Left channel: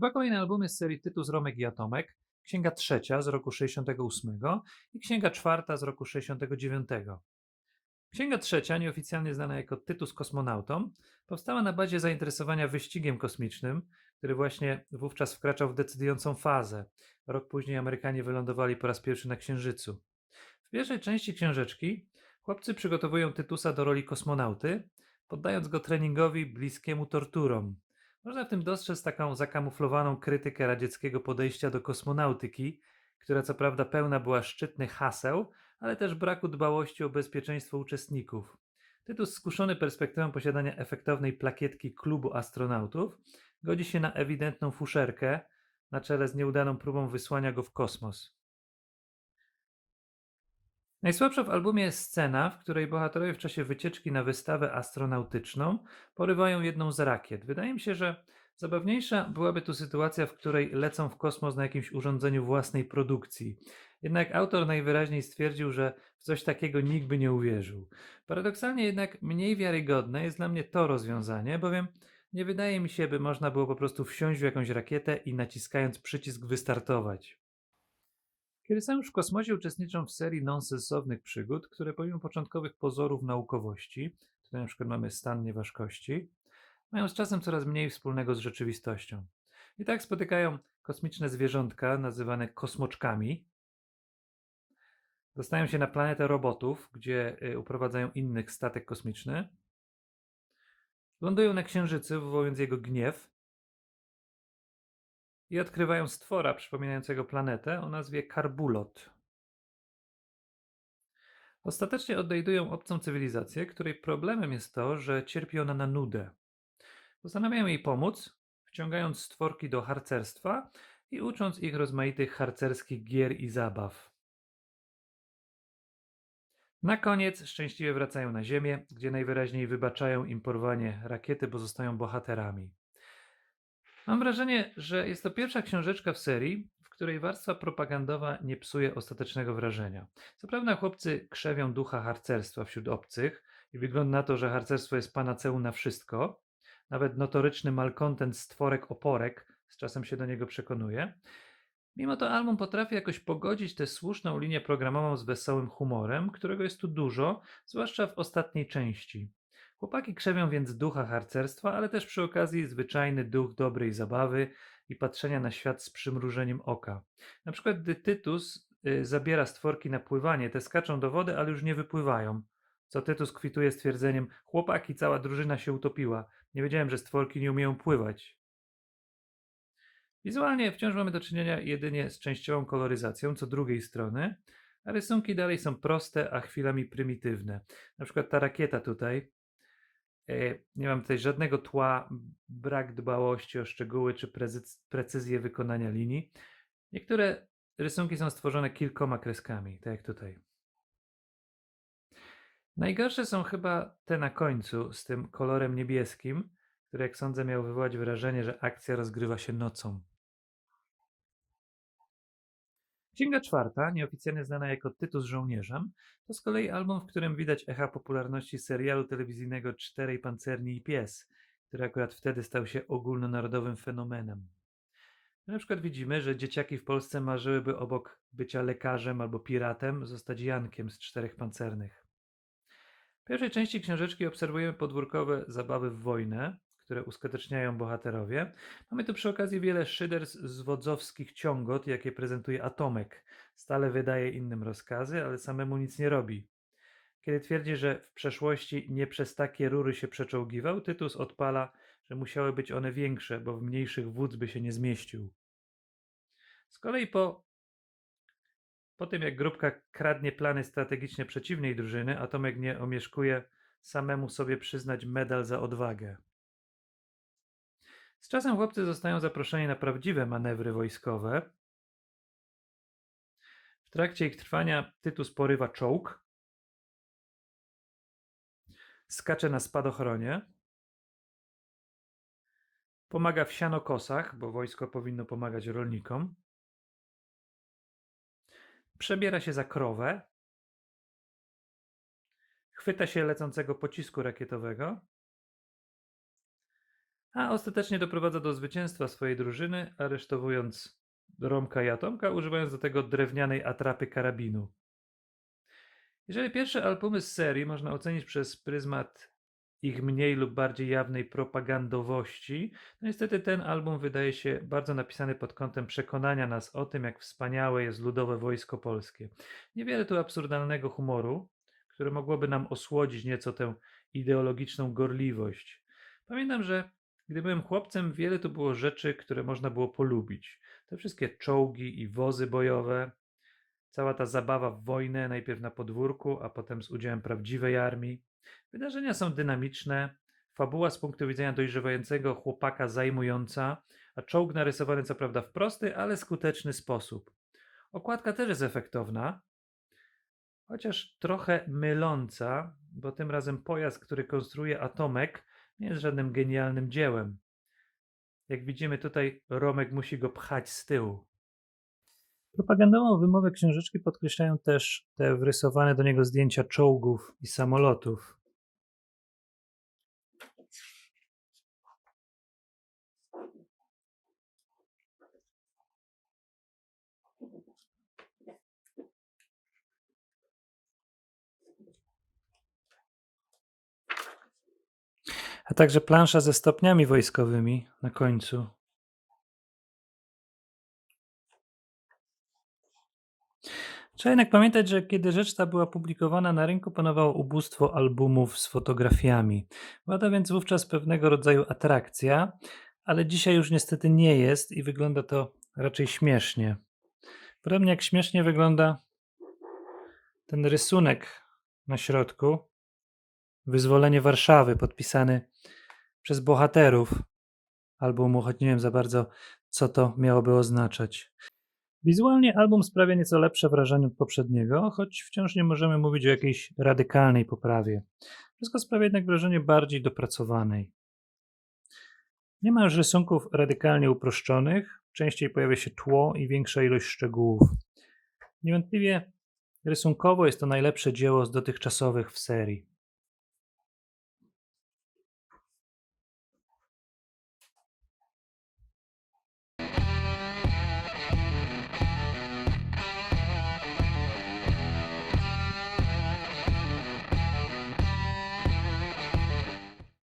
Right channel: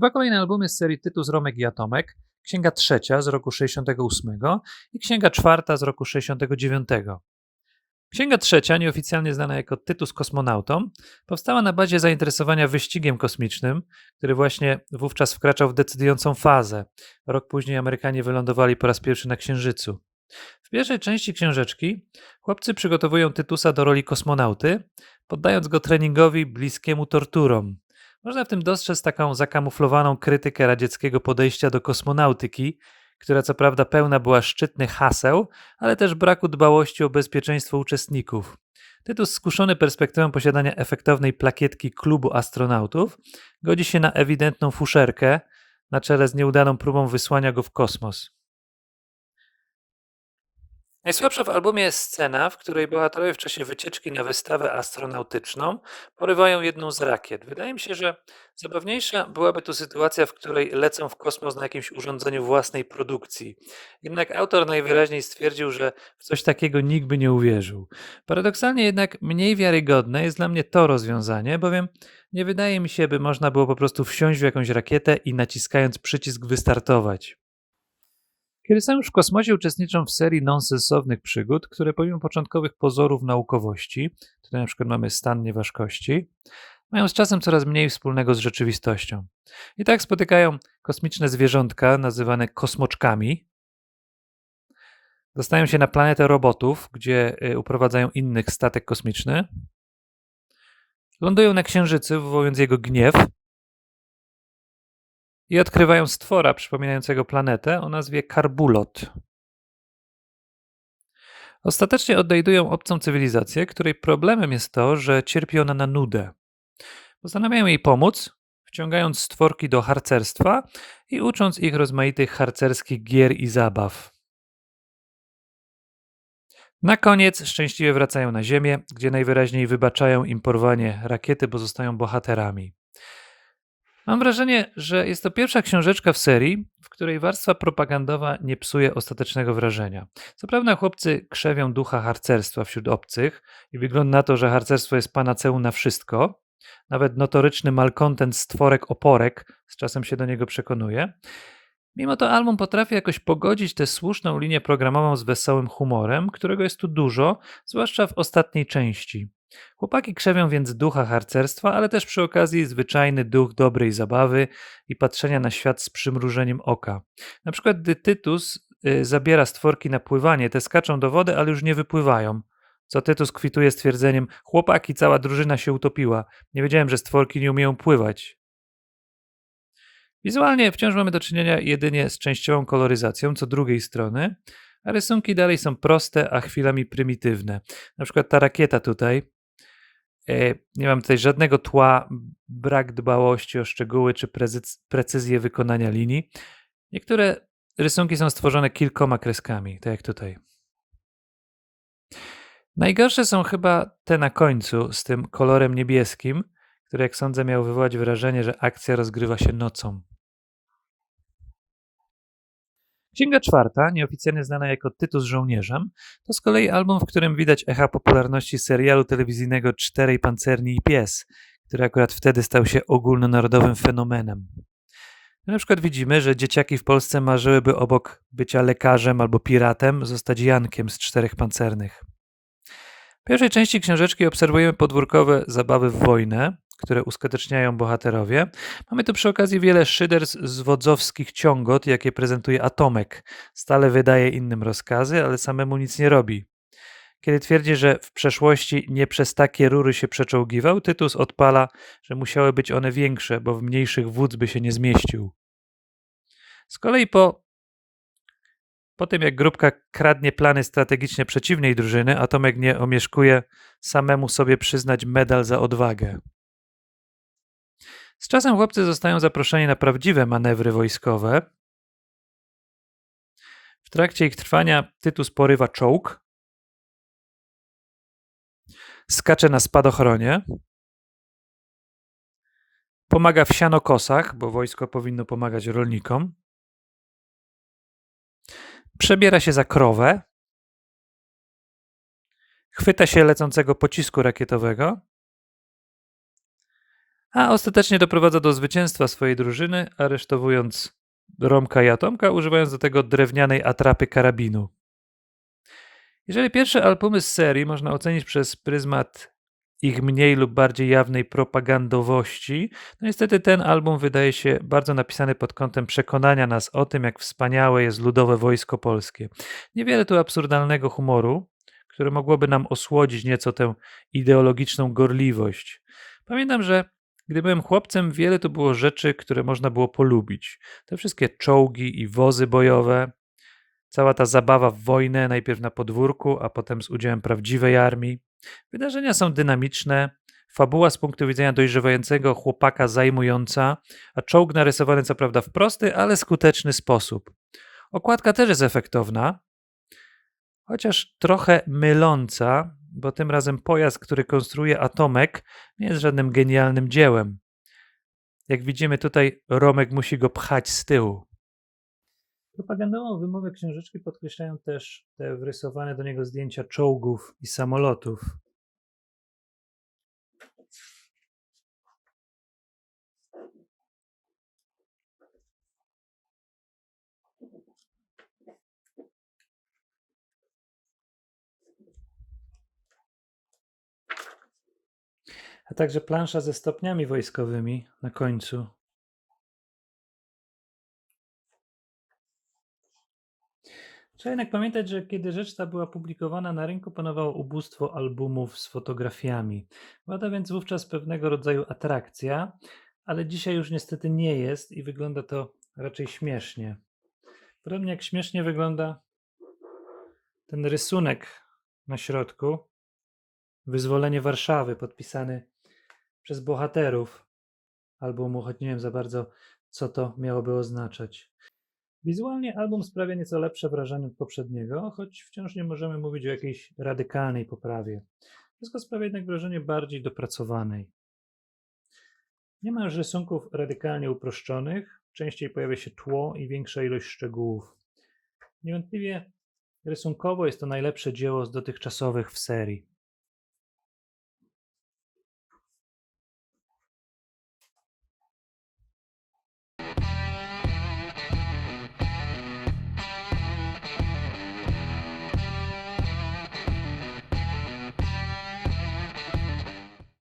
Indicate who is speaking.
Speaker 1: Dwa kolejne albumy z serii Tytus, Romek i Atomek. Księga trzecia z roku 68 i księga czwarta z roku 69. Księga trzecia, nieoficjalnie znana jako Tytus Kosmonautą, powstała na bazie zainteresowania wyścigiem kosmicznym, który właśnie wówczas wkraczał w decydującą fazę. Rok później Amerykanie wylądowali po raz pierwszy na Księżycu. W pierwszej części książeczki chłopcy przygotowują Tytusa do roli kosmonauty, poddając go treningowi bliskiemu torturom. Można w tym dostrzec taką zakamuflowaną krytykę radzieckiego podejścia do kosmonautyki, która co prawda pełna była szczytnych haseł, ale też braku dbałości o bezpieczeństwo uczestników. Tytus, skuszony perspektywą posiadania efektownej plakietki klubu astronautów, godzi się na ewidentną fuszerkę na czele z nieudaną próbą wysłania go w kosmos. Najsłabsza w albumie jest scena, w której bohaterowie w czasie wycieczki na wystawę astronautyczną porywają jedną z rakiet. Wydaje mi się, że zabawniejsza byłaby tu sytuacja, w której lecą w kosmos na jakimś urządzeniu własnej produkcji. Jednak autor najwyraźniej stwierdził, że w coś takiego nikt by nie uwierzył. Paradoksalnie jednak mniej wiarygodne jest dla mnie to rozwiązanie, bowiem nie wydaje mi się, by można było po prostu wsiąść w jakąś rakietę i naciskając przycisk wystartować. Kiedy są już w kosmosie, uczestniczą w serii nonsensownych przygód, które pomimo początkowych pozorów naukowości, tutaj na przykład mamy stan nieważkości, mają z czasem coraz mniej wspólnego z rzeczywistością. I tak spotykają kosmiczne zwierzątka nazywane kosmoczkami. Dostają się na planetę robotów, gdzie y, uprowadzają innych statek kosmiczny. Lądują na Księżycu, wywołując jego gniew, i odkrywają stwora przypominającego planetę o nazwie Karbulot. Ostatecznie odnajdują obcą cywilizację, której problemem jest to, że cierpi ona na nudę. Postanawiają jej pomóc, wciągając stworki do harcerstwa i ucząc ich rozmaitych harcerskich gier i zabaw. Na koniec szczęśliwie wracają na Ziemię, gdzie najwyraźniej wybaczają im porwanie rakiety, bo zostają bohaterami. Mam wrażenie, że jest to pierwsza książeczka w serii, w której warstwa propagandowa nie psuje ostatecznego wrażenia. Co prawda chłopcy krzewią ducha harcerstwa wśród obcych i wygląda na to, że harcerstwo jest panaceum na wszystko. Nawet notoryczny malkontent stworek oporek z czasem się do niego przekonuje. Mimo to album potrafi jakoś pogodzić tę słuszną linię programową z wesołym humorem, którego jest tu dużo, zwłaszcza w ostatniej części. Chłopaki krzewią więc ducha harcerstwa, ale też przy okazji zwyczajny duch dobrej zabawy i patrzenia na świat z przymrużeniem oka. Na przykład gdy Tytus y, zabiera stworki na pływanie, te skaczą do wody, ale już nie wypływają. Co Tytus kwituje stwierdzeniem: Chłopaki, cała drużyna się utopiła. Nie wiedziałem, że stworki nie umieją pływać. Wizualnie wciąż mamy do czynienia jedynie z częściową koloryzacją, co drugiej strony, a rysunki dalej są proste, a chwilami prymitywne. Na przykład ta rakieta tutaj. E, nie mam tutaj żadnego tła, brak dbałości o szczegóły czy precyzję wykonania linii. Niektóre rysunki są stworzone kilkoma kreskami, tak jak tutaj. Najgorsze są chyba te na końcu z tym kolorem niebieskim, który jak sądzę miał wywołać wrażenie, że akcja rozgrywa się nocą. Księga czwarta, nieoficjalnie znana jako Tytus żołnierzem, to z kolei album, w którym widać echa popularności serialu telewizyjnego Czterej Pancerni i Pies, który akurat wtedy stał się ogólnonarodowym fenomenem. Na przykład widzimy, że dzieciaki w Polsce marzyłyby obok bycia lekarzem albo piratem zostać Jankiem z Czterech Pancernych. W pierwszej części książeczki obserwujemy podwórkowe zabawy w wojnę, które uskuteczniają bohaterowie. Mamy tu przy okazji wiele szyderstw z wodzowskich ciągot, jakie prezentuje Atomek. Stale wydaje innym rozkazy, ale samemu nic nie robi. Kiedy twierdzi, że w przeszłości nie przez takie rury się przeczołgiwał, Tytus odpala, że musiały być one większe, bo w mniejszych wódz by się nie zmieścił. Z kolei po, po tym, jak grupka kradnie plany strategiczne przeciwnej drużyny, Atomek nie omieszkuje samemu sobie przyznać medal za odwagę. Z czasem chłopcy zostają zaproszeni na prawdziwe manewry wojskowe. W trakcie ich trwania Tytus porywa czołg, skacze na spadochronie, pomaga w sianokosach, bo wojsko powinno pomagać rolnikom, przebiera się za krowę, chwyta się lecącego pocisku rakietowego a ostatecznie doprowadza do zwycięstwa swojej drużyny, aresztowując Romka i Atomka, używając do tego drewnianej atrapy karabinu. Jeżeli pierwsze albumy z serii można ocenić przez pryzmat ich mniej lub bardziej jawnej propagandowości, to niestety ten album wydaje się bardzo napisany pod kątem przekonania nas o tym, jak wspaniałe jest ludowe wojsko polskie. Niewiele tu absurdalnego humoru, które mogłoby nam osłodzić nieco tę ideologiczną gorliwość. Pamiętam, że gdy byłem chłopcem, wiele tu było rzeczy, które można było polubić. Te wszystkie czołgi i wozy bojowe, cała ta zabawa w wojnę, najpierw na podwórku, a potem z udziałem prawdziwej armii. Wydarzenia są dynamiczne, fabuła z punktu widzenia dojrzewającego chłopaka zajmująca, a czołg narysowany co prawda w prosty, ale skuteczny sposób. Okładka też jest efektowna, chociaż trochę myląca, bo tym razem pojazd, który konstruuje Atomek, nie jest żadnym genialnym dziełem. Jak widzimy tutaj, Romek musi go pchać z tyłu. Propagandową wymowę książeczki podkreślają też te wrysowane do niego zdjęcia czołgów i samolotów. A także plansza ze stopniami wojskowymi na końcu. Trzeba jednak pamiętać, że kiedy rzecz ta była publikowana na rynku, panowało ubóstwo albumów z fotografiami. Była to więc wówczas pewnego rodzaju atrakcja, ale dzisiaj już niestety nie jest i wygląda to raczej śmiesznie. Podobnie jak śmiesznie wygląda ten rysunek na środku. Wyzwolenie Warszawy, podpisany przez bohaterów albumu, choć nie wiem za bardzo, co to miałoby oznaczać. Wizualnie album sprawia nieco lepsze wrażenie od poprzedniego, choć wciąż nie możemy mówić o jakiejś radykalnej poprawie. Wszystko sprawia jednak wrażenie bardziej dopracowanej. Nie ma już rysunków radykalnie uproszczonych, częściej pojawia się tło i większa ilość szczegółów. Niewątpliwie rysunkowo jest to najlepsze dzieło z dotychczasowych w serii.